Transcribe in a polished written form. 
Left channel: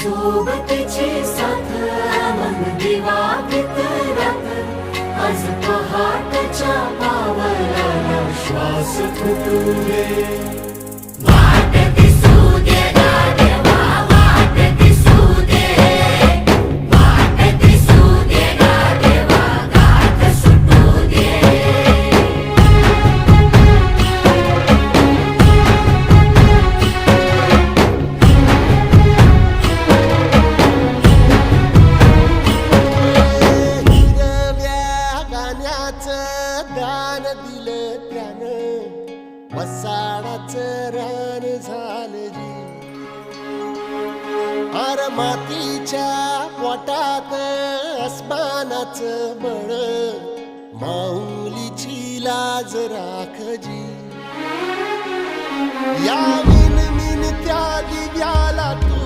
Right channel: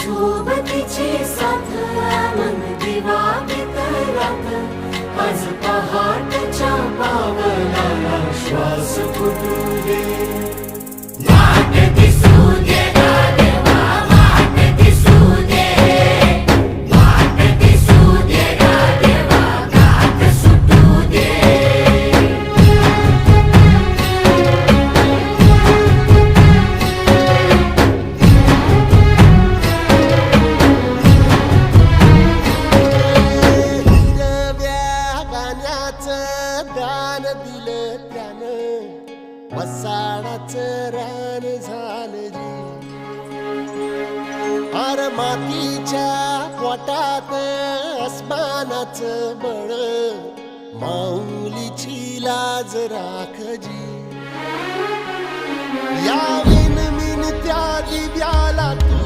सोबतीची साथ मन दिवाळीत रात आज पहाटच्या पावलाला श्वास फुटू दे वाट दिसू दे गाढवा वाट दिसू दे वाट दिसू दे गाढवा गाठ सुटू दे दान दिलं त्यानं वसाडाचं रान झालं जी अर मातीच्या पोटात अस्मानाचं बळ माऊलीची लाज राखजी या विनमिन त्या दिव्याला तू